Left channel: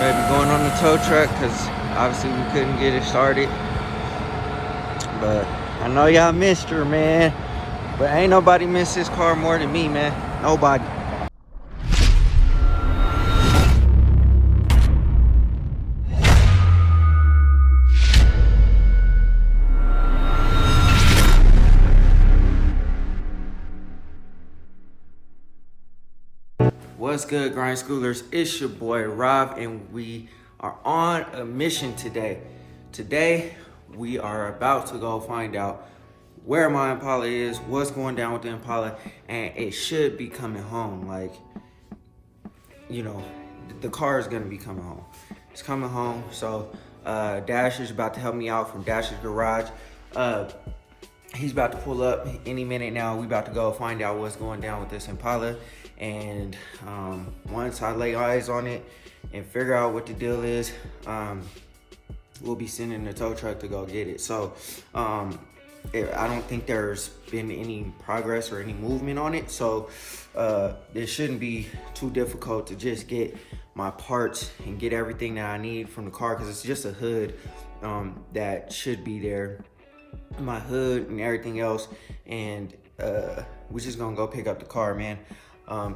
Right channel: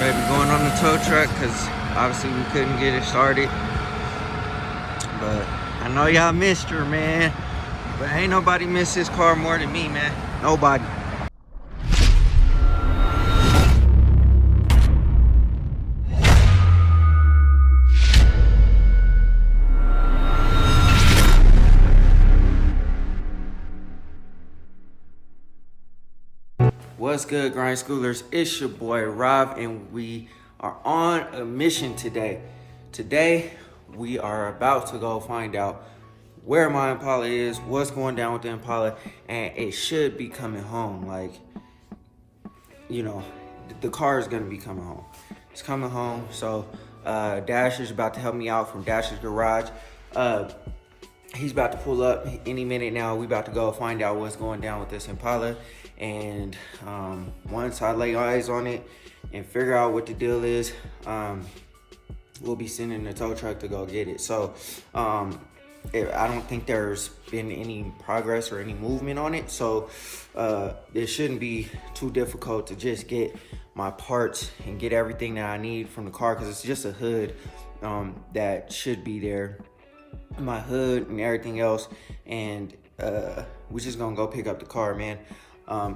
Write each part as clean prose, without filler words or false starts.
Baby going on the tow truck because obviously we couldn't get it started. But I know y'all missed her, man. But ain't nobody missed this car more than me, man. Nobody. What's good, Grind Schoolers? It's your boy Rob, and we are on a mission today. Today, we are about to go find out where my Impala is, what's going down with the Impala, and it should be coming home. Like, you know, the car is gonna be coming home. It's coming home, so Dasher's about to help me out from Dasher's Garage. He's about to pull up any minute now. We about to go find out what's going down with this Impala. And once I lay eyes on it and figure out what the deal is, we'll be sending the tow truck to go get it. So I don't think there's been any progress or any movement on it. So it shouldn't be too difficult to just get my parts and get everything that I need from the car, because it's just a hood that should be there. My hood and everything else. And we're just gonna go pick up the car, man.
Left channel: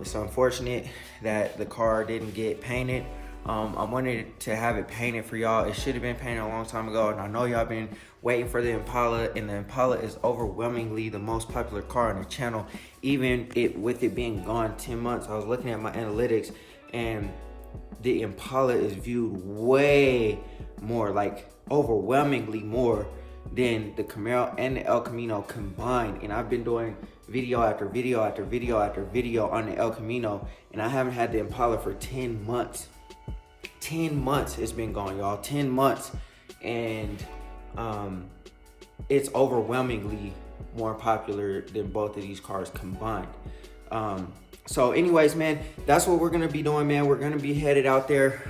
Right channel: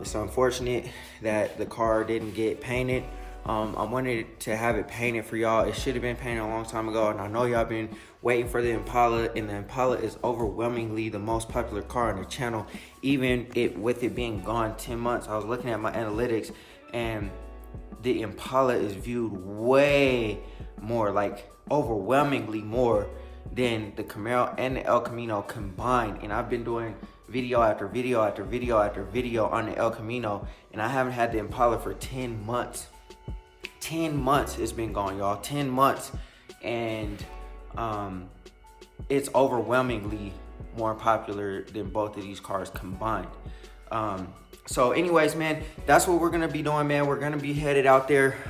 It's unfortunate that the car didn't get painted. I wanted to have it painted for y'all. It should have been painted a long time ago, and I know y'all been waiting for the Impala, and the Impala is overwhelmingly the most popular car on the channel, even with it being gone 10 months. I was looking at my analytics, and the Impala is viewed way more, like overwhelmingly more than the Camaro and the El Camino combined. And I've been doing video after video after video after video on the El Camino, and I haven't had the Impala for 10 months. 10 months it's been gone, y'all. 10 months. And it's overwhelmingly more popular than both of these cars combined. So anyways, man, that's what we're gonna be doing, man. We're gonna be headed out there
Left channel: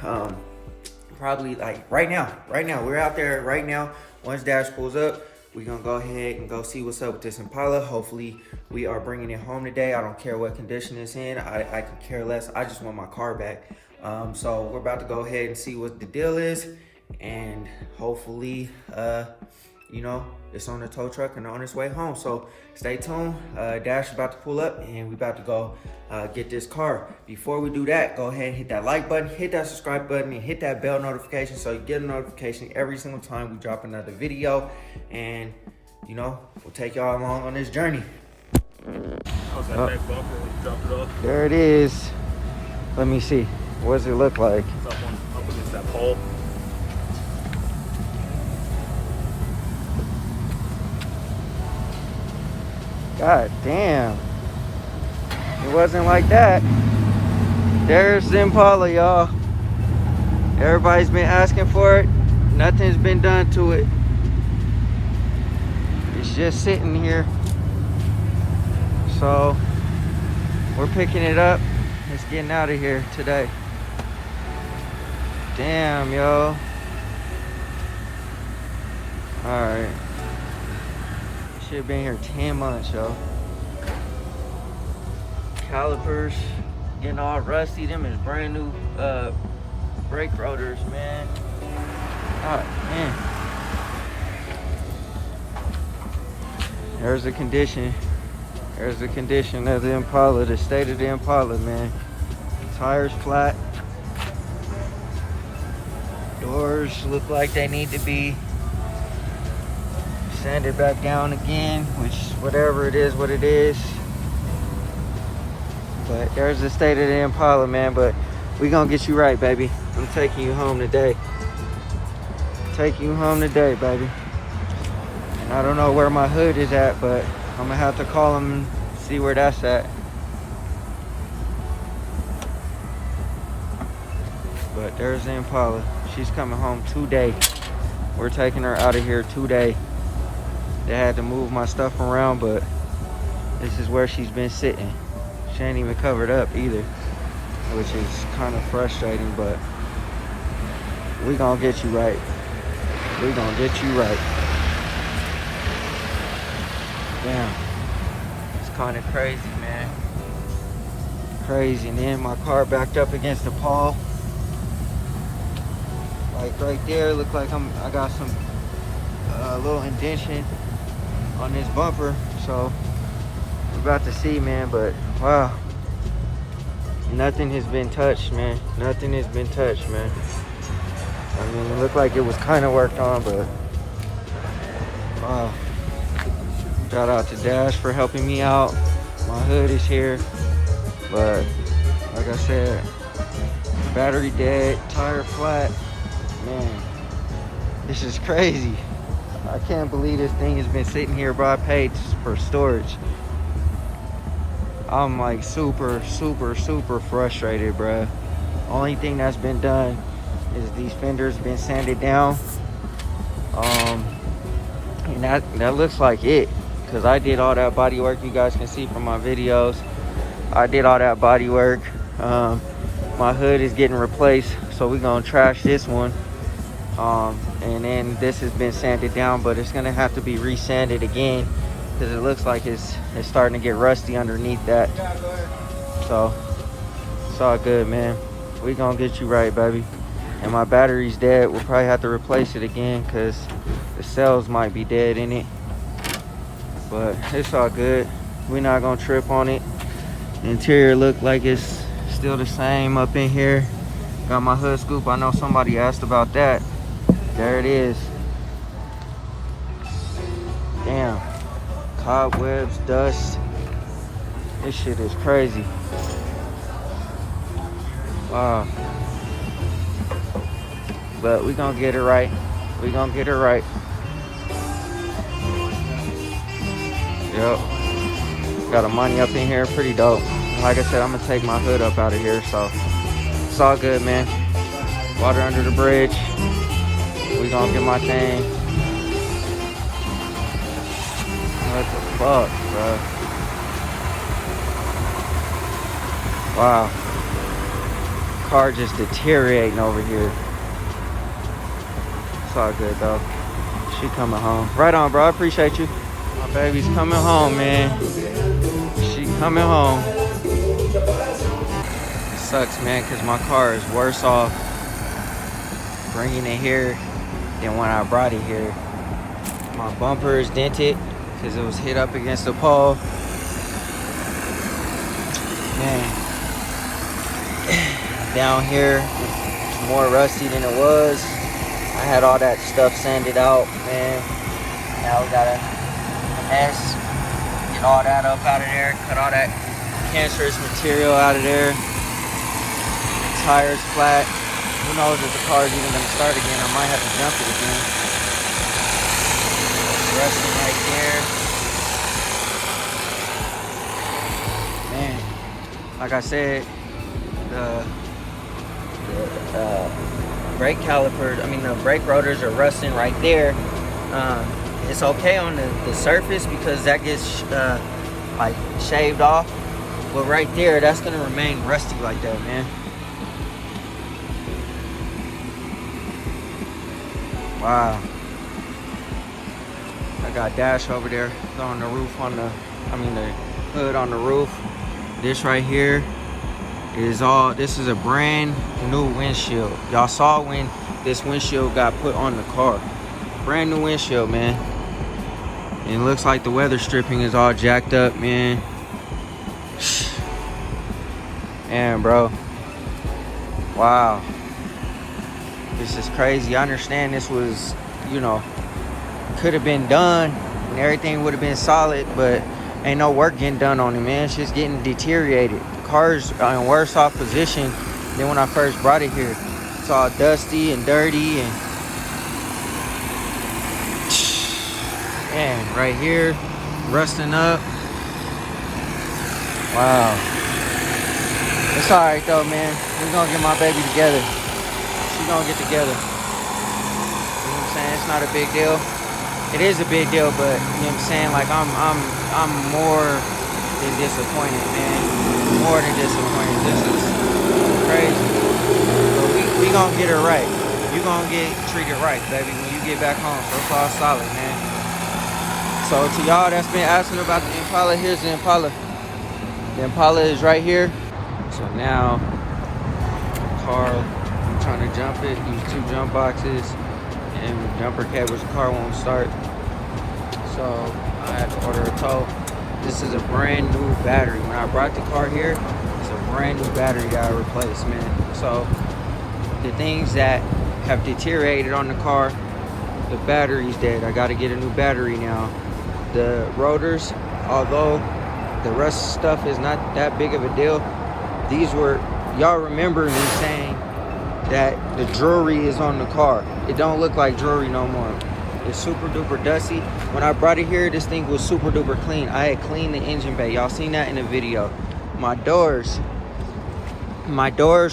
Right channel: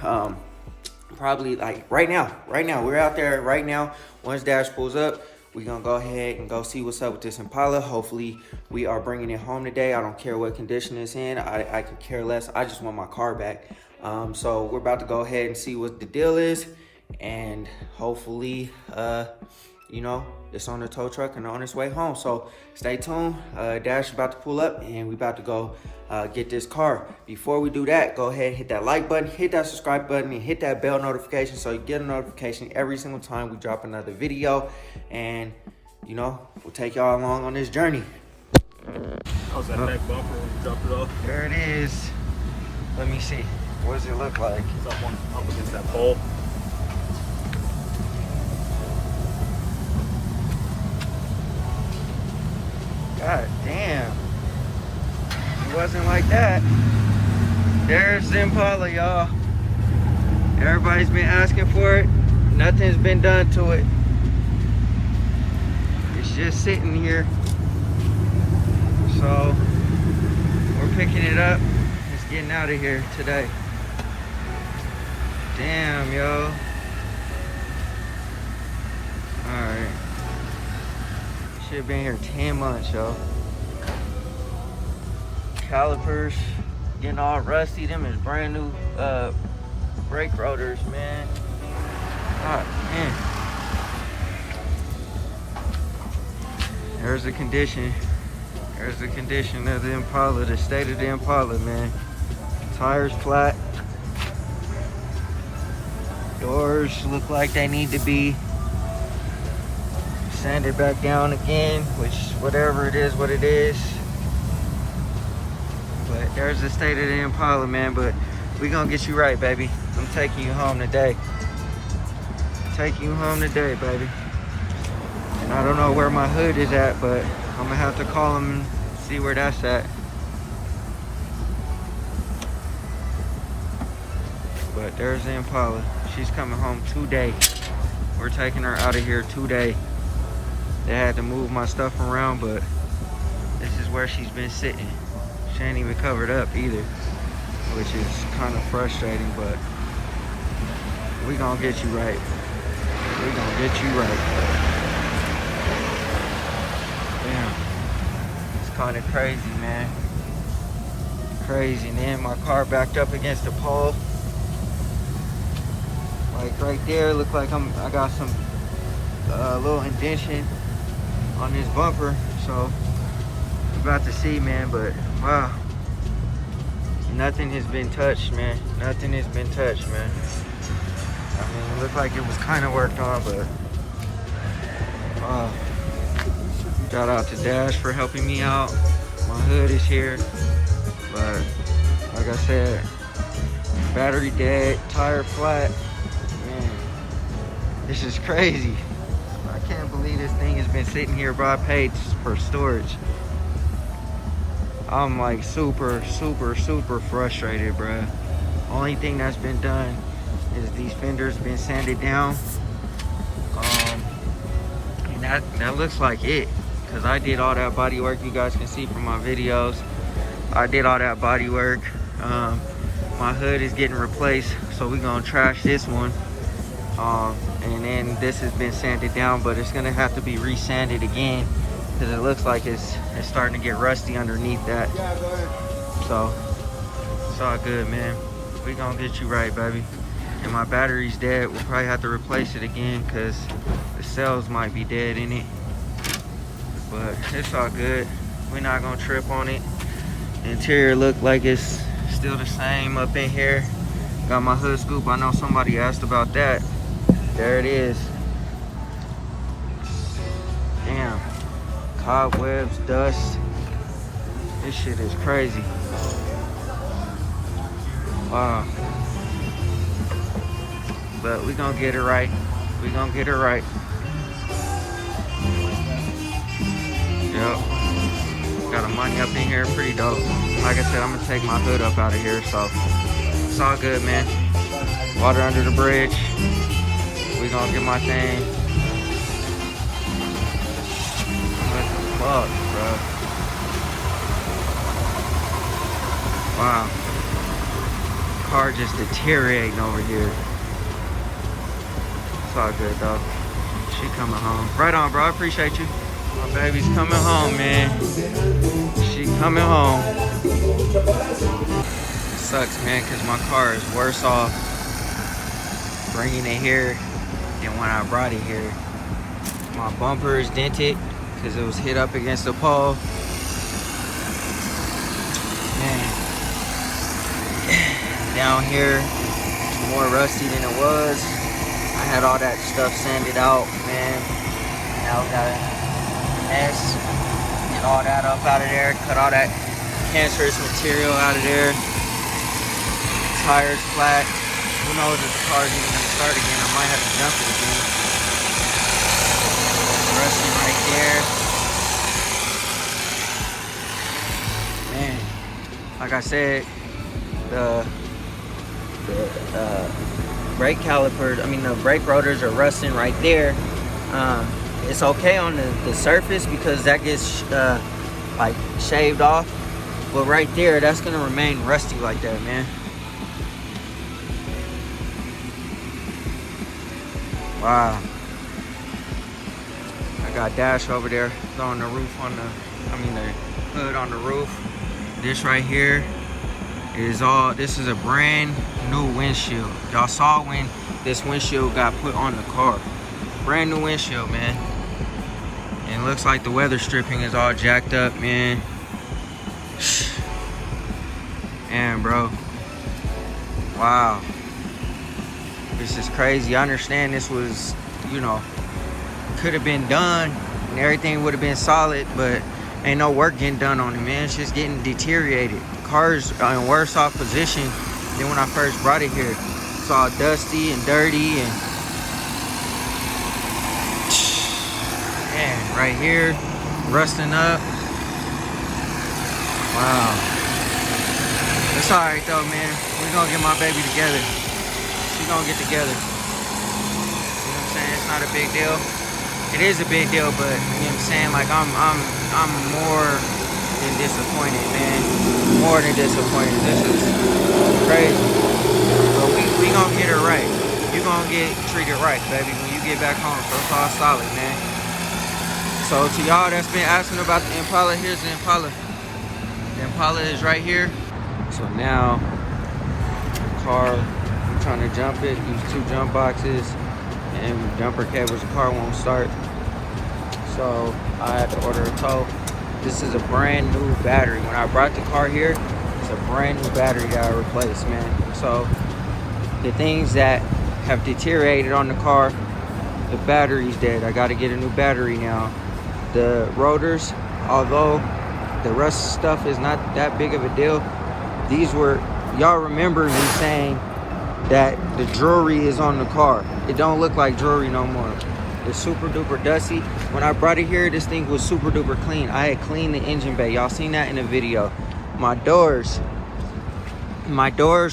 probably like right now. We're out there right now. Once Dash pulls up, we're gonna go ahead and go see what's up with this Impala. Hopefully we are bringing it home today. I don't care what condition it's in. I could care less. I just want my car back. So we're about to go ahead and see what the deal is, and hopefully you know, it's on the tow truck and on its way home. So stay tuned. Dash about to pull up, and we about to go get this car. Before we do that, go ahead and hit that like button, hit that subscribe button, and hit that bell notification so you get a notification every single time we drop another video. And you know, we'll take y'all along on this journey. There it is. Let me see. What does it look like? God damn. It wasn't like that. There's the Impala, y'all. Everybody's been asking for it. Nothing's been done to it. It's just sitting here. So we're picking it up. It's getting out of here today. Damn, yo. Alright. Should have been here 10 months, yo. Calipers getting all rusty. Them is brand new brake rotors, man. God damn. There's the condition. There's the condition of the Impala, the state of the Impala, man. Tires flat. Doors look like they need to be sanded back down again, which whatever it is, what it is. But there's the state of the Impala, man. But we gonna get you right, baby. I'm taking you home today. Taking you home today, baby. And I don't know where my hood is at, but I'm gonna have to call him and see where that's at. But there's the Impala. She's coming home today. We're taking her out of here today. They had to move my stuff around, but this is where she's been sitting. She ain't even covered up either, which is kind of frustrating, but we gonna get you right. We gonna get you right. Damn. It's kind of crazy, man. Crazy, man. My car backed up against the pole. Like right there, look like I got some little indentation on this bumper. So we're about to see, man. But wow, nothing has been touched, man. Nothing has been touched, man. I mean, it looked like it was kind of worked on, but wow. Shout out to Dash for helping me out. My hood is here, but like I said, battery dead, tire flat. Man, this is crazy. I can't believe this thing has been sitting here, bro. I paid for storage. I'm like super frustrated, bro. Only thing that's been done is these fenders been sanded down. And that looks like it, because I did all that body work. You guys can see from my videos, I did all that body work. My hood is getting replaced, so we're gonna trash this one. And then this has been sanded down, but it's gonna have to be resanded again, because it looks like it's starting to get rusty underneath that. So it's all good, man. We gonna get you right, baby. And my battery's dead. We'll probably have to replace it again, because the cells might be dead in it. But it's all good. We're not gonna trip on it. Interior look like it's still the same up in here. Got my hood scoop. I know somebody asked about that. There it is. Damn. Cobwebs, dust. This shit is crazy. Wow. But we gonna get it right. We gonna get it right. Yep. Got a money up in here, pretty dope. Like I said, I'm gonna take my hood up out of here, so it's all good, man. Water under the bridge. We gonna get my thing. What the fuck, bro? Wow. Car just deteriorating over here. It's all good, though. She coming home. Right on, bro. I appreciate you. My baby's coming home, man. She coming home. It sucks, man, because my car is worse off bringing it here than when I brought it here. My bumper is dented because it was hit up against the pole. Man. Down here, it's more rusty than it was. I had all that stuff sanded out, man. Now we got a mess. Get all that up out of there. Cut all that cancerous material out of there. Tires flat. Who knows if the car's even gonna start again? I might have to jump it again. Rusting right there. Man, like I said, the brake calipers, the brake rotors are rusting right there. It's okay on the surface because that gets like shaved off, but right there, that's gonna remain rusty like that, man. Wow. I got Dash over there throwing the roof on the hood on the roof. This right here is this is a brand new windshield. Y'all saw when this windshield got put on the car. Brand new windshield, man. And it looks like the weather stripping is all jacked up, man. Man, bro. Wow. This is crazy. I understand this was, could have been done and everything would have been solid, but ain't no work getting done on it, man. It's just getting deteriorated. The car's in worse off position than when I first brought it here. It's all dusty and dirty, and man, right here, rusting up. Wow. It's all right though, man. We're gonna get my baby together. She's gonna get together. You know what I'm saying? It's not a big deal. It is a big deal, but you know what I'm saying? Like I'm more than disappointed, man. More than disappointed. This is crazy. But we gonna get it right. You gonna get treated right, baby, when you get back home. So it's all solid, man. So to y'all that's been asking about the Impala, here's the Impala. The Impala is right here. So now the car, you trying to jump it, these 2 jump boxes and jumper cables, the car won't start. So I had to order a tow. This is a brand new battery. When I brought the car here, it's a brand new battery that I replaced, man. So the things that have deteriorated on the car, the battery's dead. I gotta get a new battery now. The rotors, although the rust stuff is not that big of a deal, these were, y'all remember me saying that the jewelry is on the car. It don't look like jewelry no more. It's super duper dusty. When I brought it here, this thing was super duper clean. I had cleaned the engine bay. Y'all seen that in the video. My doors,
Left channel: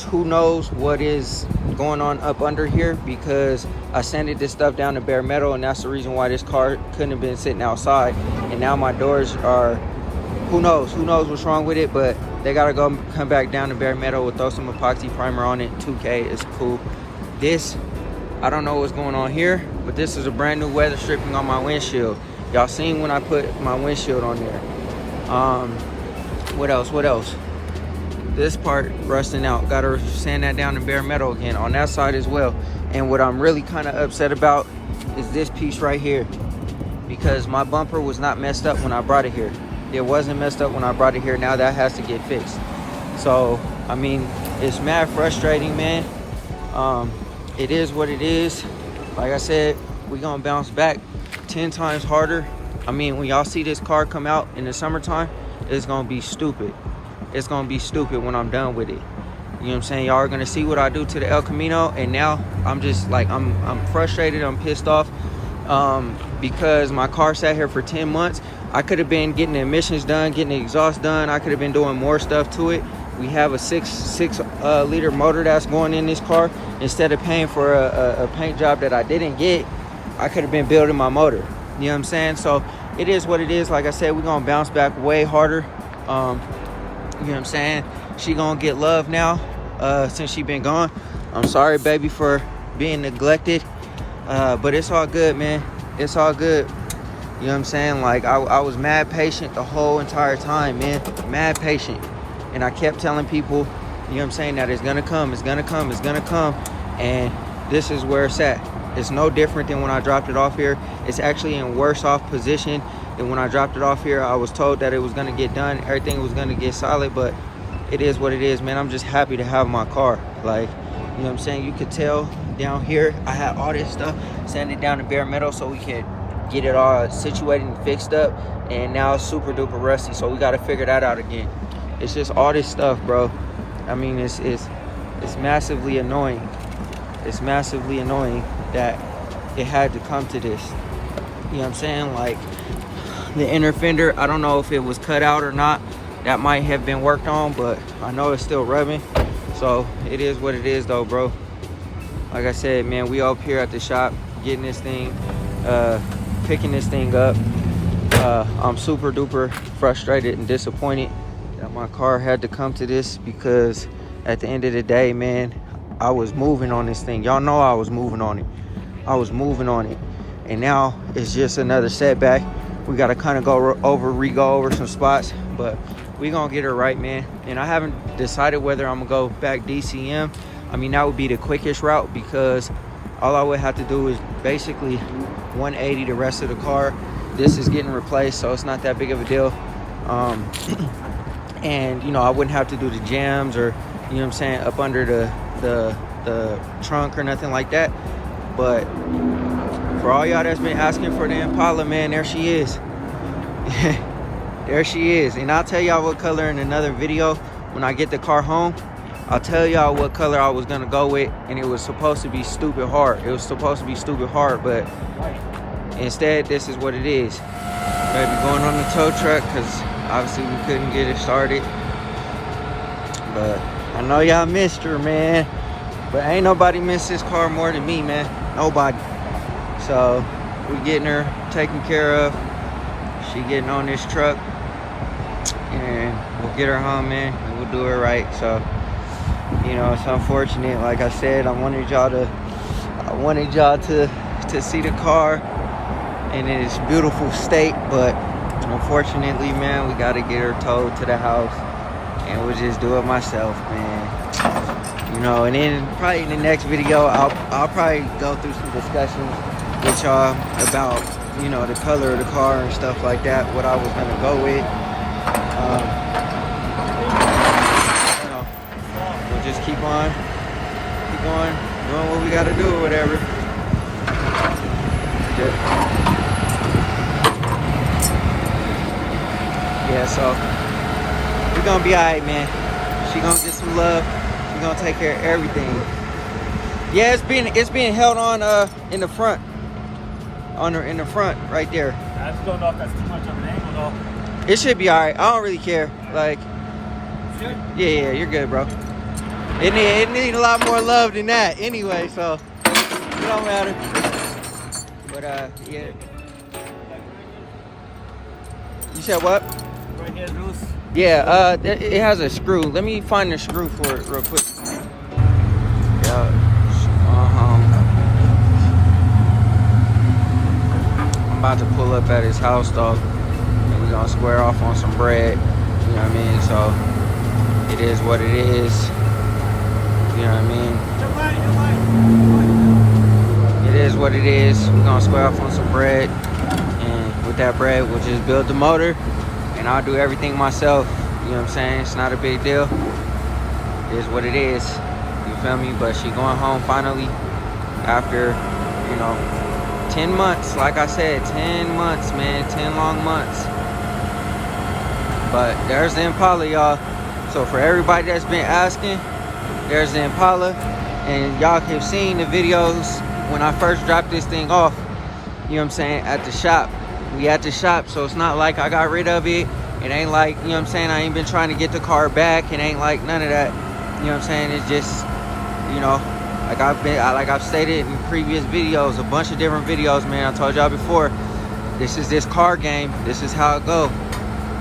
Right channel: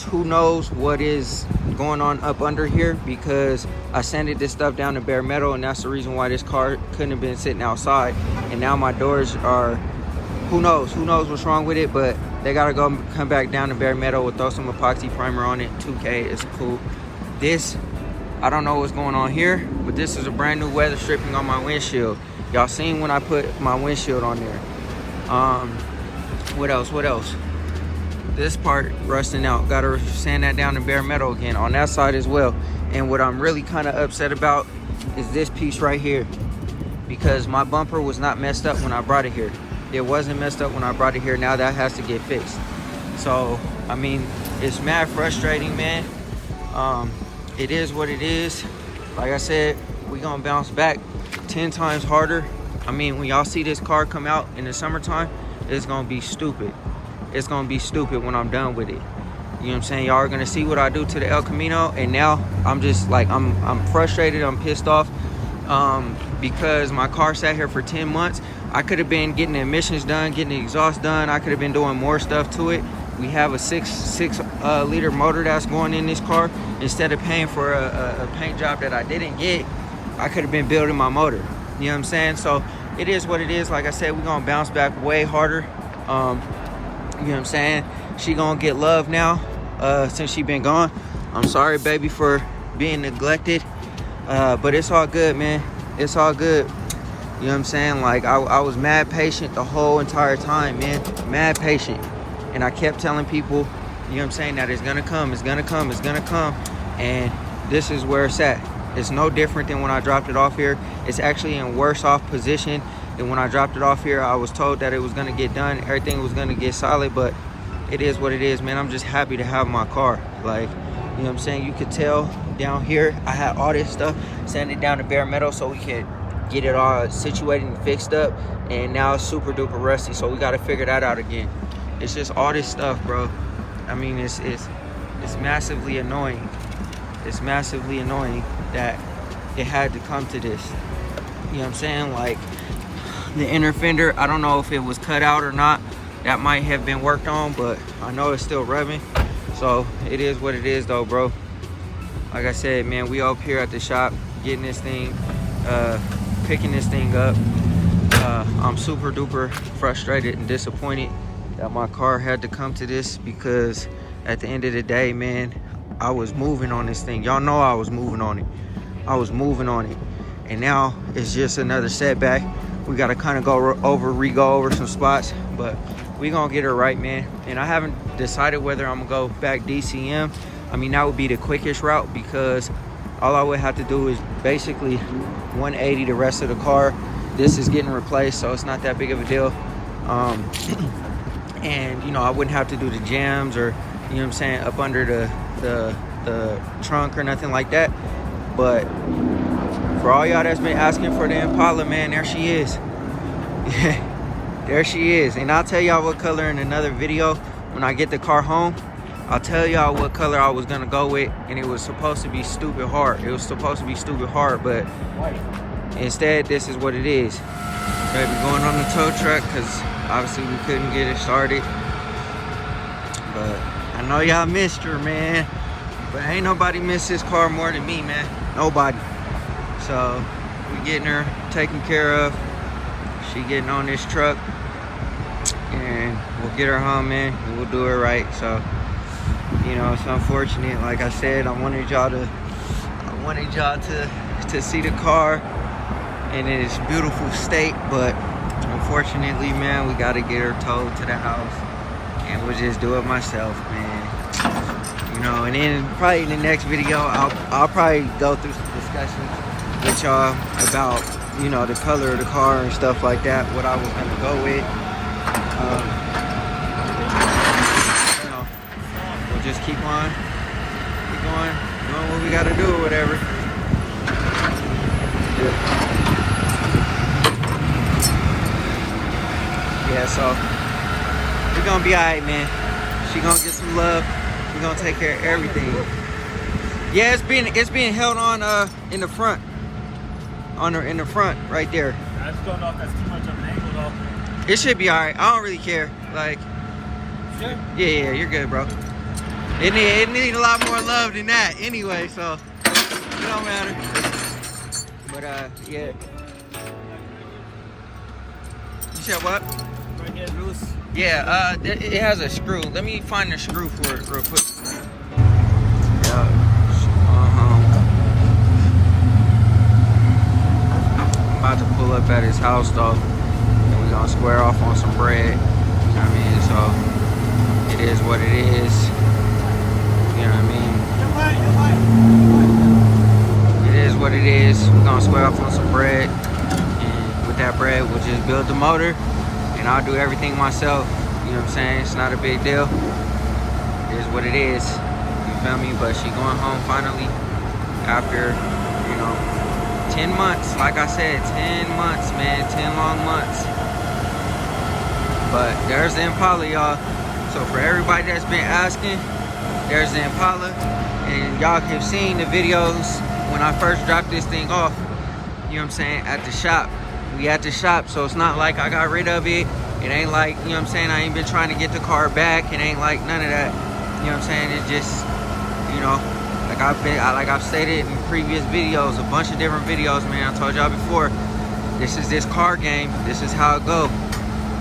who knows what is going on up under here, because I sanded this stuff down to bare metal, and that's the reason why this car couldn't have been sitting outside. And now my doors are, who knows what's wrong with it, but they gotta come back down to bare metal. We'll throw some epoxy primer on it. 2K is cool. This, I don't know what's going on here, but this is a brand new weather stripping on my windshield. Y'all seen when I put my windshield on there. What else? This part rusting out. Gotta sand that down to bare metal again on that side as well. And what I'm really kind of upset about is this piece right here, because my bumper was not messed up when I brought it here. It wasn't messed up when I brought it here. Now that has to get fixed. So, I mean, it's mad frustrating, man. It is what it is. Like I said, we gonna bounce back 10 times harder. I mean, when y'all see this car come out in the summertime, it's gonna be stupid. It's gonna be stupid when I'm done with it. You know what I'm saying? Y'all are gonna see what I do to the El Camino, and now I'm just like, I'm frustrated, I'm pissed off, because my car sat here for 10 months. I could have been getting the emissions done, getting the exhaust done. I could have been doing more stuff to it. We have a 6 liter motor that's going in this car. Instead of paying for a paint job that I didn't get, I could have been building my motor. You know what I'm saying? So it is what it is. Like I said, we're gonna bounce back way harder. You know what I'm saying? She gonna get love now, since she been gone. I'm sorry, baby, for being neglected. But it's all good, man. It's all good. You know what I'm saying? Like, I was mad patient the whole entire time, man. Mad patient. And I kept telling people, you know what I'm saying, that it's gonna come, it's gonna come, it's gonna come. And this is where it's at. It's no different than when I dropped it off here. It's actually in worse off position than when I dropped it off here. I was told that it was gonna get done, everything was gonna get solid, but it is what it is, man. I'm just happy to have my car. Like, you know what I'm saying? You could tell down here, I had all this stuff sanded down to bare metal so we could get it all situated and fixed up. And now it's super duper rusty, so we gotta figure that out again. It's just all this stuff, bro. I mean, it's massively annoying. It's massively annoying that it had to come to this. You know what I'm saying? Like, the inner fender, I don't know if it was cut out or not. That might have been worked on, but I know it's still rubbing. So it is what it is though, bro. Like I said, man, we up here at the shop getting this thing, picking this thing up. I'm super duper frustrated and disappointed that my car had to come to this, because at the end of the day, man, I was moving on this thing. Y'all know I was moving on it. I was moving on it. And now it's just another setback. We got to kind of go over some spots, but we gonna get it right, man. And I haven't decided whether I'm gonna go back DCM. I mean, that would be the quickest route, because all I would have to do is basically 180 the rest of the car. This is getting replaced, so it's not that big of a deal. And, you know, I wouldn't have to do the jams or, you know what I'm saying, up under the trunk or nothing like that. But for all y'all that's been asking for the Impala, man, there she is. There she is. And I'll tell y'all what color in another video. When I get the car home, I'll tell y'all what color I was gonna go with. And it was supposed to be stupid hard. It was supposed to be stupid hard, but instead, this is what it is. Baby going on the tow truck, because obviously we couldn't get it started. But I know y'all missed her, man. But ain't nobody missed this car more than me, man. Nobody. So we getting her taken care of. She getting on this truck, and we'll get her home, man, and we'll do it right. So, you know, it's unfortunate. Like I said, I wanted y'all to see the car in its beautiful state, but unfortunately, man, we got to get her towed to the house, and we'll just do it myself, man. You know, and then probably in the next video, I'll probably go through some discussions with y'all about, you know, the color of the car and stuff like that, what I was gonna go with. You know, we'll just keep on doing what we gotta do or whatever. Good. Yeah, so we're gonna be all right, man. She gonna get some love. We gonna take care of everything. Yeah, it's being held on in the front. In the front right there. I just don't know if that's too much of an angle though. It should be alright. I don't really care. Like, Sure. Yeah, you're good, bro. It need a lot more love than that anyway, so it don't matter. But yeah. You said what? Right here loose. Yeah, it has a screw. Let me find the screw for it real quick. Yeah. I'm about to pull up at his house though, and we're gonna square off on some bread. You know what I mean? So it is what it is. You know what I mean? It is what it is. We're gonna square off on some bread, and with that bread, we'll just build the motor, and I'll do everything myself. You know what I'm saying? It's not a big deal. It is what it is. You feel me? But she going home finally after, you know, 10 months. Like I said, 10 months, man. 10 long months. But there's the Impala, y'all. So for everybody that's been asking, there's the Impala. And y'all have seen the videos when I first dropped this thing off. You know what I'm saying? At the shop. We at the shop, so it's not like I got rid of it. It ain't like, you know what I'm saying, I ain't been trying to get the car back. It ain't like none of that. You know what I'm saying? It's just, you know, like I've stated in previous videos, a bunch of different videos, man. I told y'all before, this is this car game. This is how it go.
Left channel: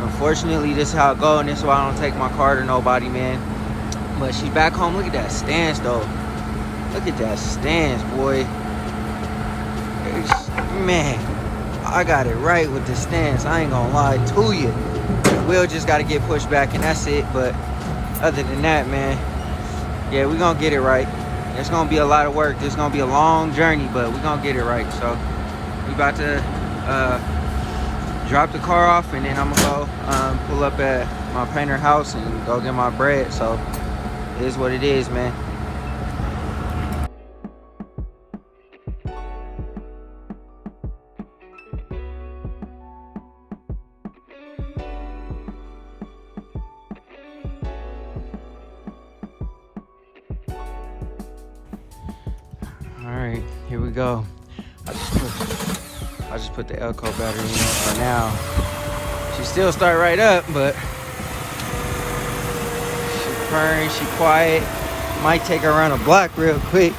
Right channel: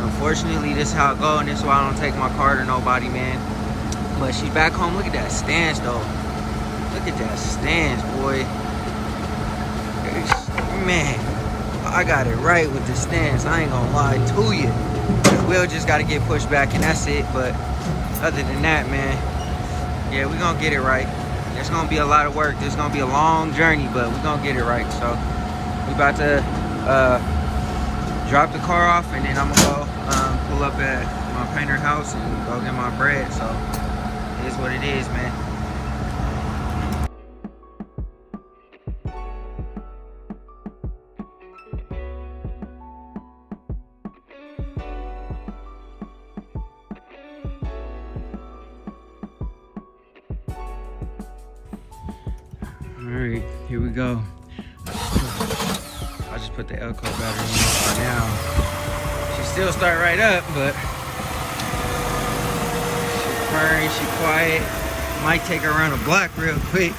Unfortunately, this is how it go, and this is why I don't take my car to nobody, man. But she's back home. Look at that stance, though. Look at that stance, boy. Man, I got it right with the stance. I ain't gonna lie to you. The wheel just got to get pushed back, and that's it. But other than that, man, yeah, we're gonna get it right. It's gonna be a lot of work. It's gonna be a long journey, but we're gonna get it right. So we about to drop the car off, and then I'm gonna go pull up at my painter house and go get my bread. So it is what it is, man. Alright, here we go. I just put the Elko battery in for now. She still start right up, but she's purring, she's quiet. Might take her around the block real quick.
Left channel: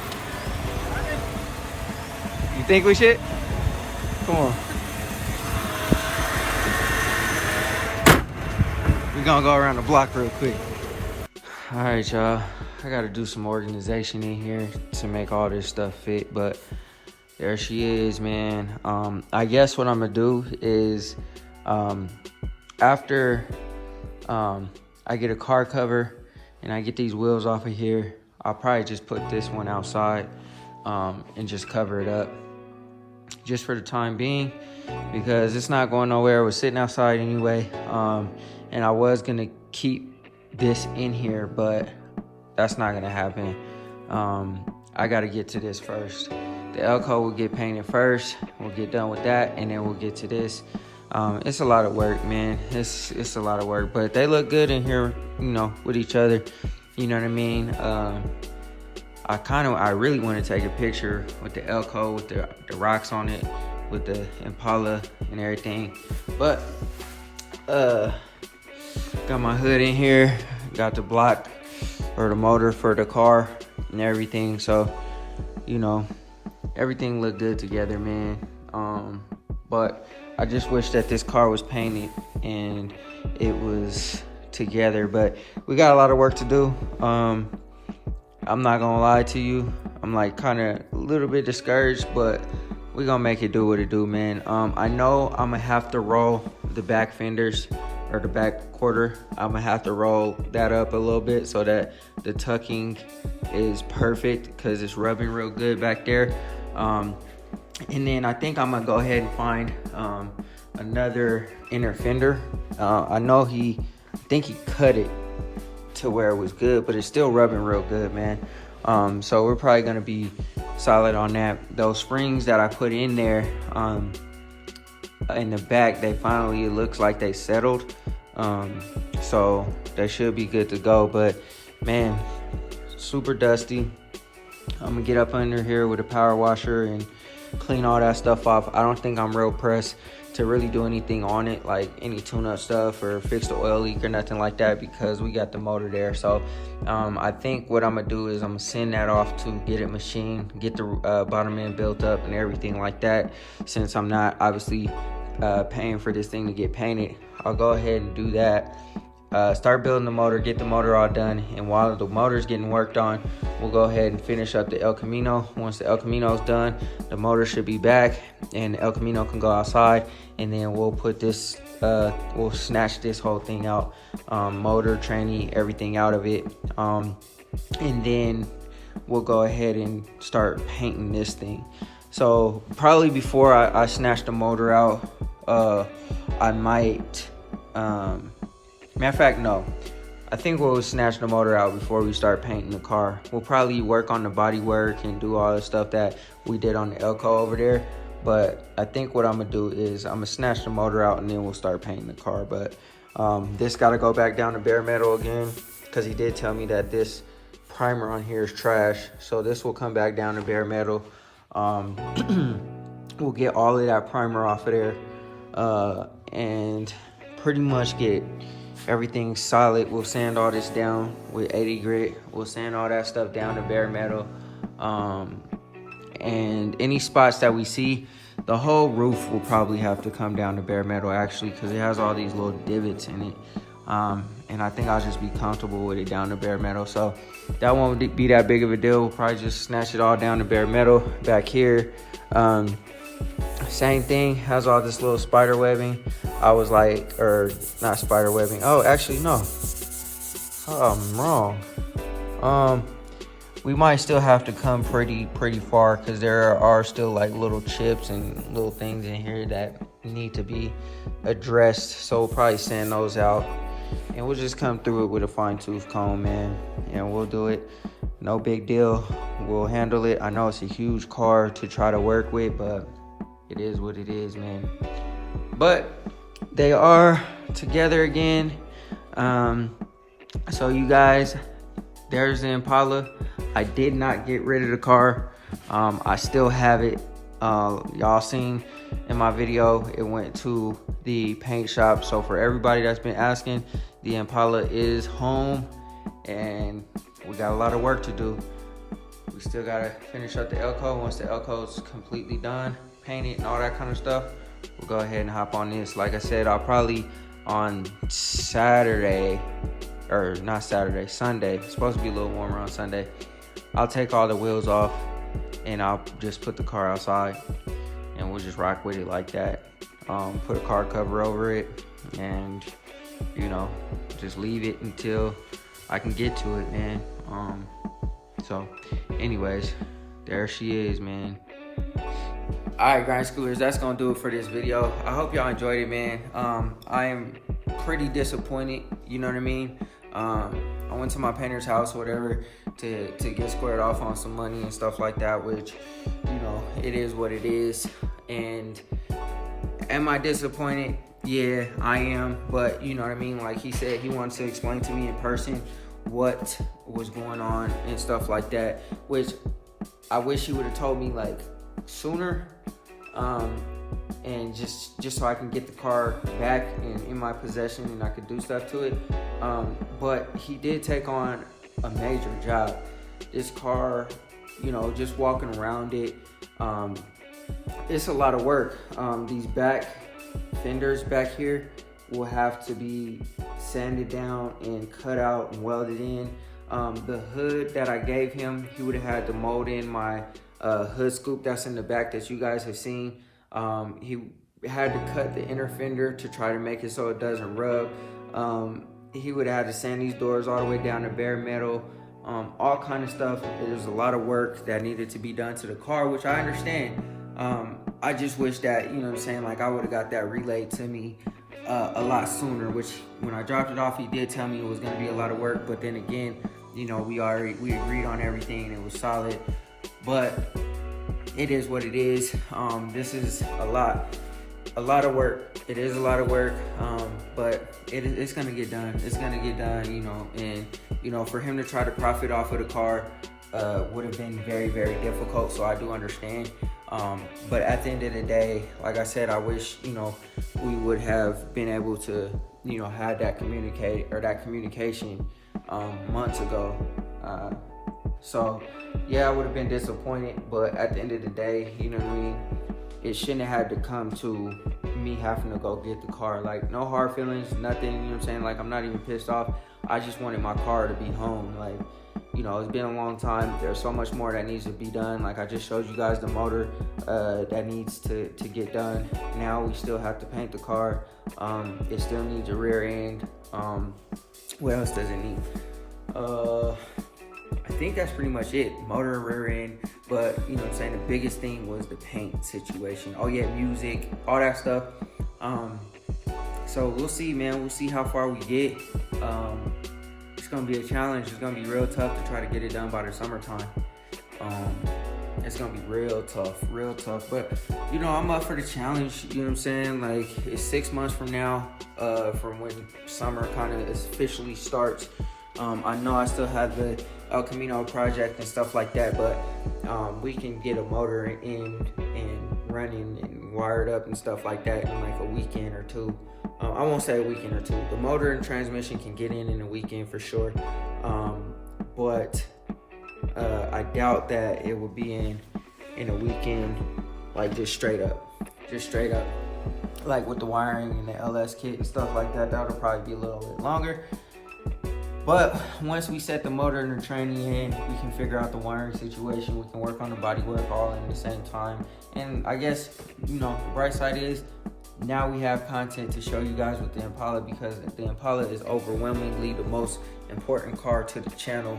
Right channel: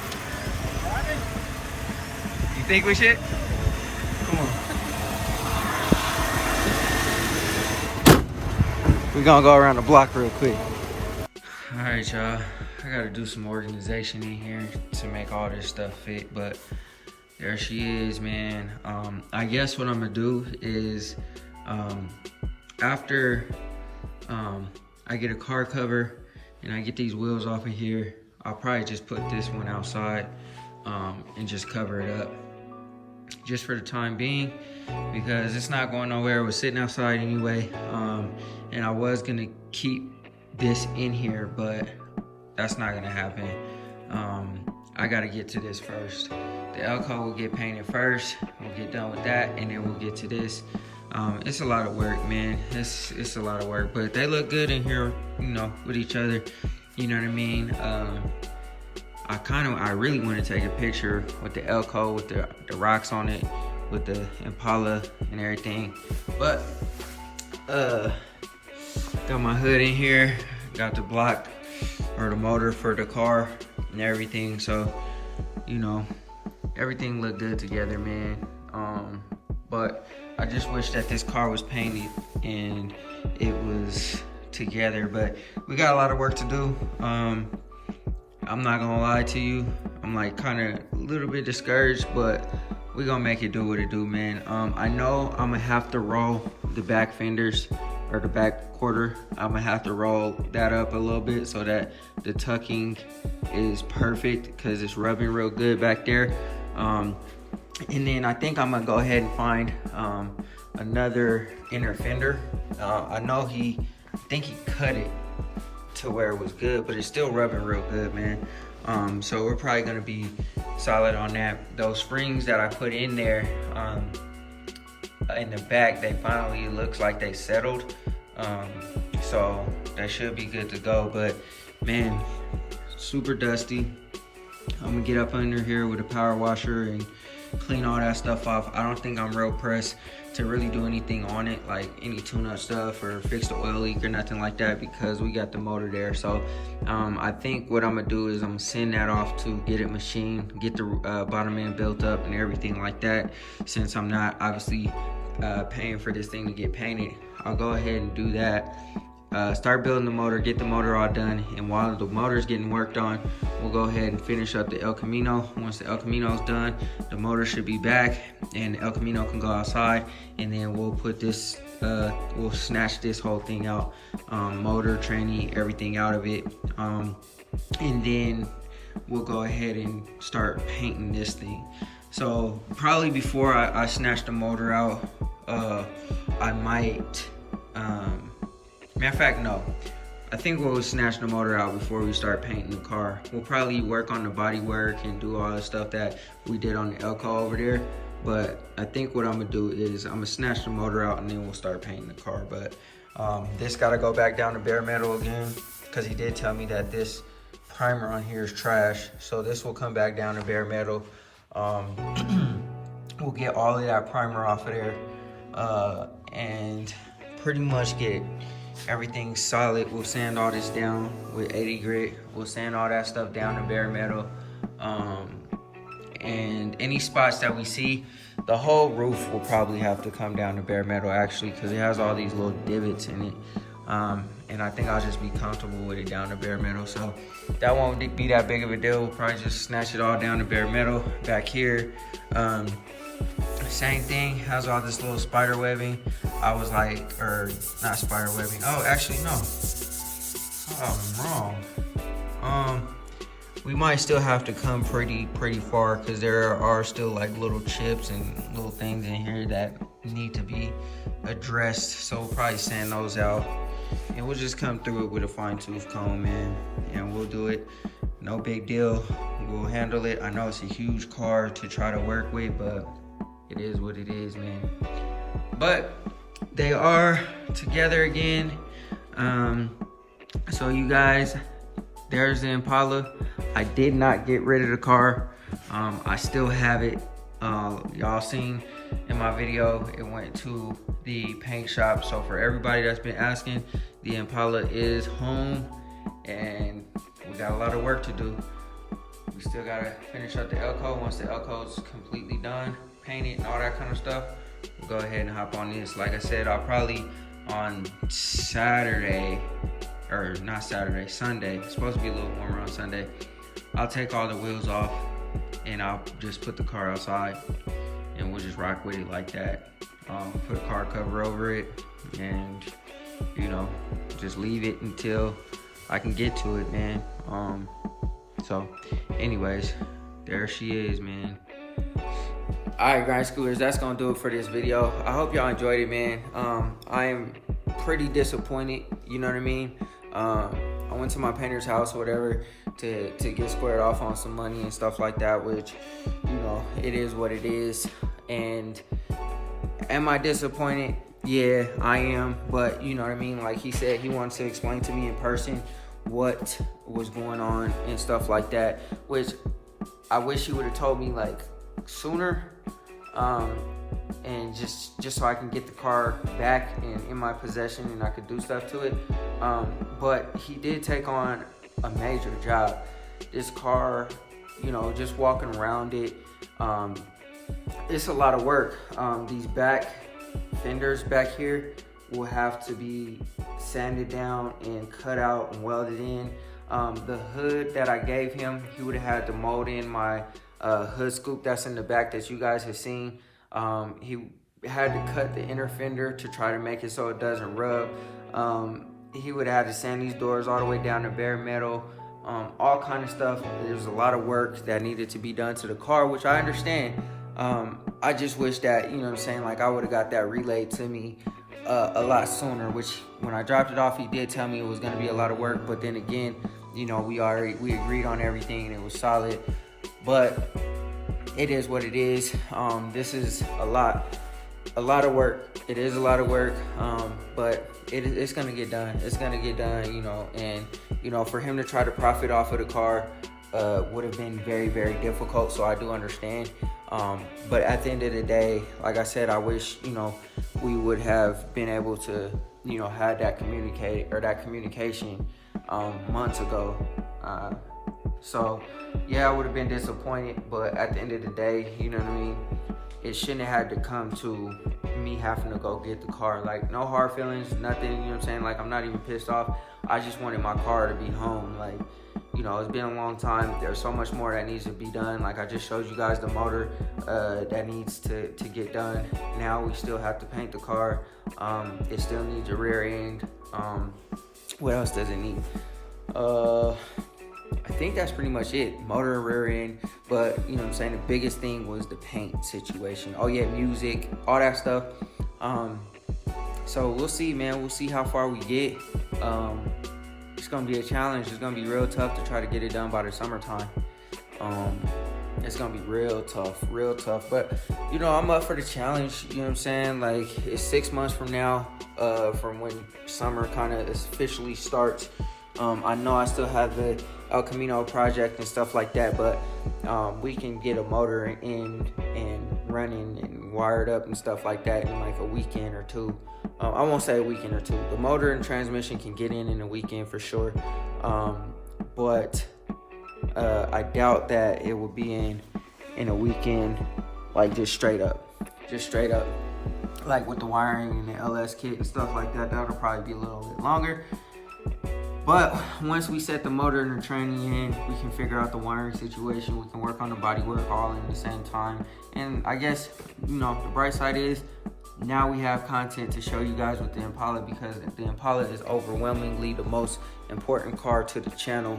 You think we should? Come on. We're gonna go around the block real quick. Alright, y'all. I gotta do some organization in here to make all this stuff fit, but there she is, man. I guess what I'm gonna do is after I get a car cover and I get these wheels off of here, I'll probably just put this one outside and just cover it up just for the time being, because it's not going nowhere. It was sitting outside anyway, and I was gonna keep this in here, but that's not gonna happen. I gotta get to this first. The Elko will get painted first. We'll get done with that, and then we'll get to this. It's a lot of work, man. It's a lot of work, but they look good in here, you know, with each other. You know what I mean? I really want to take a picture with the Elko, with the rocks on it, with the Impala and everything. But got my hood in here, got the block or the motor for the car and everything. So, you know, everything looked good together, man. But I just wish that this car was painted and it was together, but we got a lot of work to do. I'm not gonna lie to you, I'm like kind of a little bit discouraged, but we're gonna make it do what it do, man. I know I'm gonna have to roll the back fenders or the back quarter, I'm gonna have to roll that up a little bit so that the tucking is perfect, because it's rubbing real good back there. And then I think I'm gonna go ahead and find another inner fender. I think he cut it to where it was good, but it's still rubbing real good, man. So we're probably gonna be solid on that. Those springs that I put in there in the back, they finally, it looks like they settled. So they should be good to go. But man, super dusty. I'm gonna get up under here with a power washer and clean all that stuff off. I don't think I'm real pressed to really do anything on it, like any tune-up stuff or fix the oil leak or nothing like that, because we got the motor there. So I think what I'm gonna do is I'm gonna send that off to get it machined, get the bottom end built up and everything like that. Since I'm not obviously paying for this thing to get painted, I'll go ahead and do that. Start building the motor, get the motor all done, and while the motor's getting worked on, we'll go ahead and finish up the El Camino. Once the El Camino's done, the motor should be back and the El Camino can go outside, and then we'll put this, we'll snatch this whole thing out, motor, tranny, everything out of it, and then we'll go ahead and start painting this thing. So probably before I snatch the motor out, I might, matter of fact, no. I think we'll snatch the motor out before we start painting the car. We'll probably work on the bodywork and do all the stuff that we did on the Elco over there. But I think what I'm gonna do is I'm gonna snatch the motor out and then we'll start painting the car. But this gotta go back down to bare metal again, because he did tell me that this primer on here is trash. So this will come back down to bare metal. We'll get all of that primer off of there and pretty much get everything solid. We'll sand all this down with 80 grit. We'll sand all that stuff down to bare metal. And any spots that we see, the whole roof will probably have to come down to bare metal actually, because it has all these little divots in it. And I think I'll just be comfortable with it down to bare metal. So that won't be that big of a deal. We'll probably just snatch it all down to bare metal back here. Same thing, has all this little spider webbing. I was like, or not spider webbing. Oh, actually, no. Oh, I'm wrong. We might still have to come pretty far, because there are still like little chips and little things in here that need to be addressed. So we'll probably sand those out, and we'll just come through it with a fine tooth comb, man. And we'll do it. No big deal. We'll handle it. I know it's a huge car to try to work with, but it is what it is, man. But they are together again. So you guys, there's the Impala. I did not get rid of the car. I still have it. Y'all seen in my video, it went to the paint shop. So for everybody that's been asking, the Impala is home, and we got a lot of work to do. We still gotta finish up the Elco. Once the Elco is completely done, painted and all that kind of stuff, we'll go ahead and hop on this. Like I said, I'll probably on Saturday, or not Saturday, Sunday. It's supposed to be a little warmer on Sunday. I'll take all the wheels off and I'll just put the car outside and we'll just rock with it like that. Put a car cover over it and, you know, just leave it until I can get to it, man. So anyways, there she is, man. All right, grind schoolers, that's gonna do it for this video. I hope y'all enjoyed it, man. I am pretty disappointed, you know what I mean? I went to my painter's house or whatever to get squared off on some money and stuff like that, which, you know, it is what it is. And am I disappointed? Yeah, I am. But you know what I mean? Like he said, he wanted to explain to me in person what was going on and stuff like that, which I wish he would have told me like sooner, and just so I can get the car back and in my possession and I could do stuff to it. But he did take on a major job. This car, you know, just walking around it, it's a lot of work. These back fenders back here will have to be sanded down and cut out and welded in. The hood that I gave him, he would have had to mold in my hood scoop that's in the back that you guys have seen. He had to cut the inner fender to try to make it so it doesn't rub. He would have had to sand these doors all the way down to bare metal, all kind of stuff. There was a lot of work that needed to be done to the car, which I understand. I just wish that, you know what I'm saying, like I would have got that relayed to me a lot sooner, which when I dropped it off, he did tell me it was going to be a lot of work. But then again, you know, we agreed on everything and it was solid. But it is what it is. This is a lot of work. It is a lot of work, but it's gonna get done. It's gonna get done, you know. And you know, for him to try to profit off of the car would have been very, very difficult. So I do understand. But at the end of the day, like I said, I wish, you know, we would have been able to, you know, had that communication months ago. So yeah, I would have been disappointed, but at the end of the day, you know what I mean, it shouldn't have had to come to me having to go get the car. Like, no hard feelings, nothing, you know what I'm saying? Like, I'm not even pissed off. I just wanted my car to be home. Like, you know, it's been a long time. There's so much more that needs to be done. Like, I just showed you guys the motor that needs to get done. Now we still have to paint the car. It still needs a rear end. What else does it need? I think that's pretty much it. Motor, rear end. But, you know what I'm saying, the biggest thing was the paint situation. Oh yeah, music, all that stuff. So we'll see, man. We'll see how far we get. It's gonna be a challenge. It's gonna be real tough to try to get it done by the summertime. It's gonna be real tough. But, you know, I'm up for the challenge, you know what I'm saying? Like, it's 6 months from now, from when summer kind of officially starts. I know I still have the El Camino project and stuff like that, but we can get a motor in and running and wired up and stuff like that in like a weekend or two. I won't say a weekend or two. The motor and transmission can get in a weekend for sure, but I doubt that it would be in a weekend, like just straight up, like with the wiring and the LS kit and stuff like that. That'll probably be a little bit longer. But once we set the motor and the training in, we can figure out the wiring situation. We can work on the bodywork all in the same time. And I guess, you know, the bright side is now we have content to show you guys with the Impala, because the Impala is overwhelmingly the most important car to the channel.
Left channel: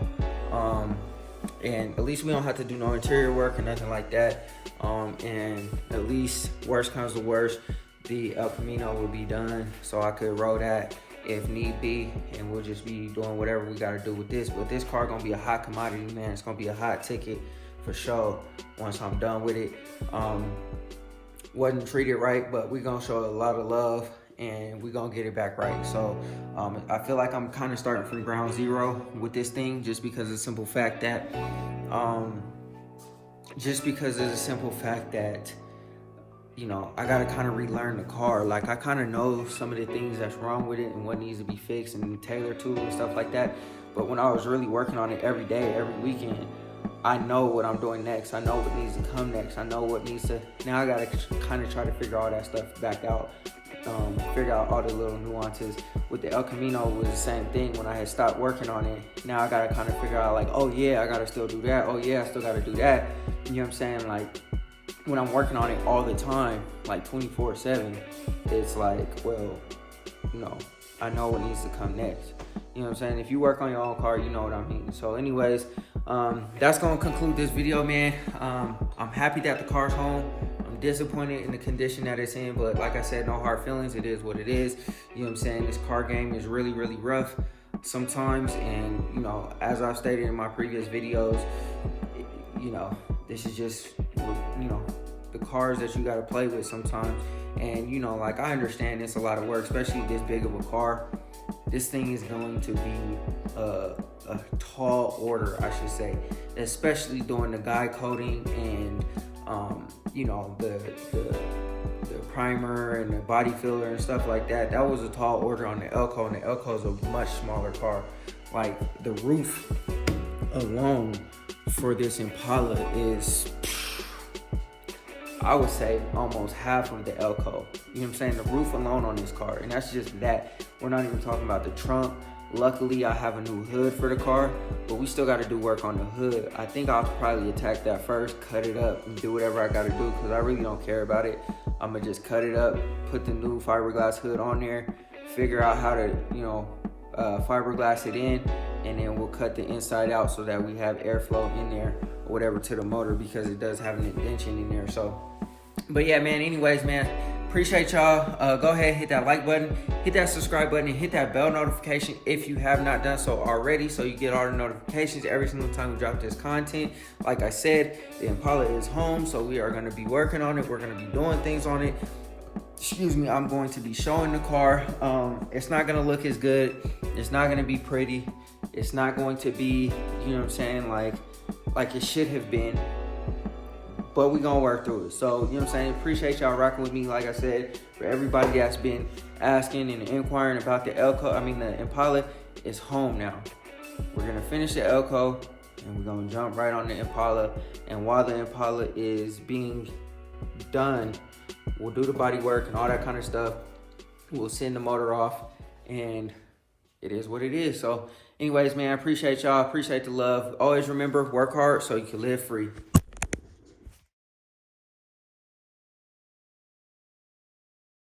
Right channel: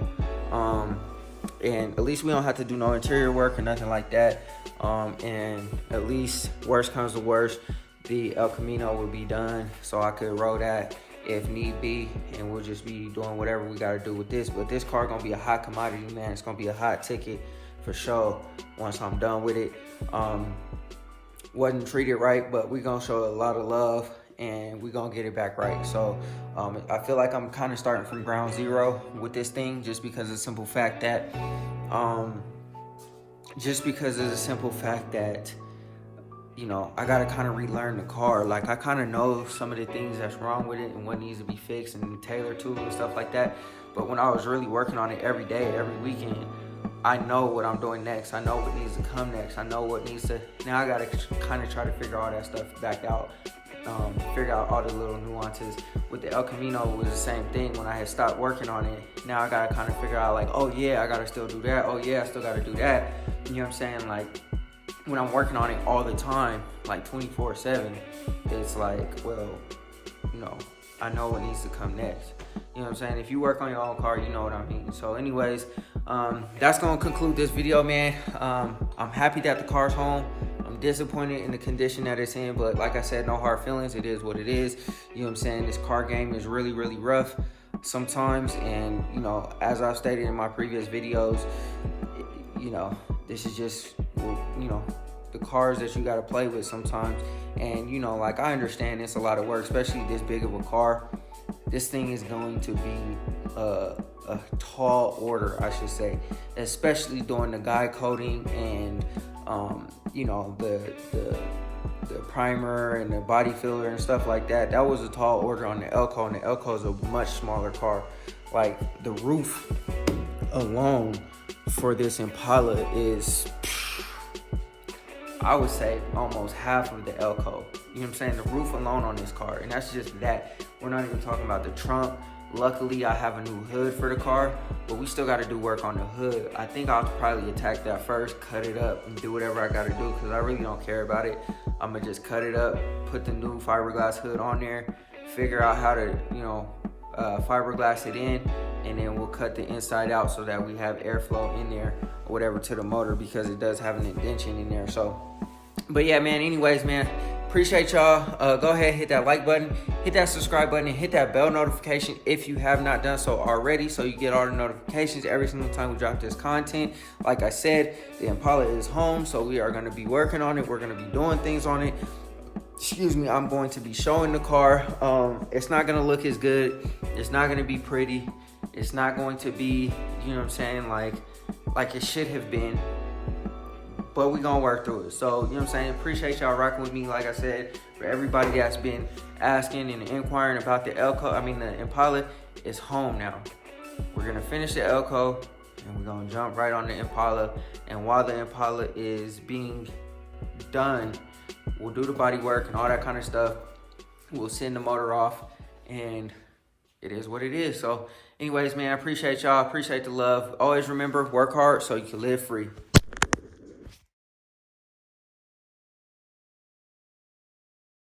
And at least we don't have to do no interior work or nothing like that. And at least worst comes to worst, the El Camino will be done, so I could roll that if need be, and we'll just be doing whatever we gotta do with this. But this car gonna be a hot commodity, man. It's gonna be a hot ticket for sure once I'm done with it. Wasn't treated right, but we gonna show a lot of love and we gonna get it back right. So I feel like I'm kind of starting from ground zero with this thing, just because of the simple fact that you know, I gotta kind of relearn the car. Like, I kind of know some of the things that's wrong with it and what needs to be fixed and tailored to and stuff like that. But when I was really working on it every day, every weekend, I know what I'm doing next. I know what needs to come next. I know what needs to, now I gotta kind of try to figure all that stuff back out. Figure out all the little nuances. With the El Camino, it was the same thing. When I had stopped working on it, now I gotta kind of figure out, like, oh yeah, I gotta still do that. Oh yeah, I still gotta do that. You know what I'm saying? Like, when I'm working on it all the time, like 24/7, it's like, well, you know, I know what needs to come next. You know what I'm saying? If you work on your own car, you know what I mean. So anyways, that's gonna conclude this video, man. I'm happy that the car's home. I'm disappointed in the condition that it's in, but like I said, no hard feelings. It is what it is. You know what I'm saying? This car game is really, really rough sometimes. And, you know, as I've stated in my previous videos, you know, this is just, you know, the cars that you got to play with sometimes. And, you know, like, I understand it's a lot of work, especially this big of a car. This thing is going to be a tall order, I should say, especially doing the guide coating and, you know, the primer and the body filler and stuff like that. That was a tall order on the Elco, and the Elco is a much smaller car. Like, the roof alone for this Impala is, I would say, almost half of the Elco. You know what I'm saying? The roof alone on this car, and that's just that. We're not even talking about the trunk. Luckily, I have a new hood for the car, but we still got to do work on the hood. I think I'll probably attack that first, cut it up, and do whatever I got to do because I really don't care about it. I'm going to just cut it up, put the new fiberglass hood on there, figure out how to, fiberglass it in, and then we'll cut the inside out so that we have airflow in there or whatever to the motor because it does have an indention in there. So, but yeah, man, anyways, man, appreciate y'all. Go ahead, hit that like button, hit that subscribe button, and hit that bell notification if you have not done so already, so you get all the notifications every single time we drop this content. Like I said, the Impala is home, so we are going to be working on it. We're going to be doing things on it. Excuse me, I'm going to be showing the car. It's not going to look as good. It's not going to be pretty. It's not going to be, you know what I'm saying, like it should have been. But we're going to work through it. So, you know what I'm saying? Appreciate y'all rocking with me. Like I said, for everybody that's been asking and inquiring about the Impala is home now. We're going to finish the Elko and we're going to jump right on the Impala. And while the Impala is being done, we'll do the body work and all that kind of stuff. We'll send the motor off and it is what it is. So anyways, man, I appreciate y'all. Appreciate the love. Always remember, work hard so you can live free.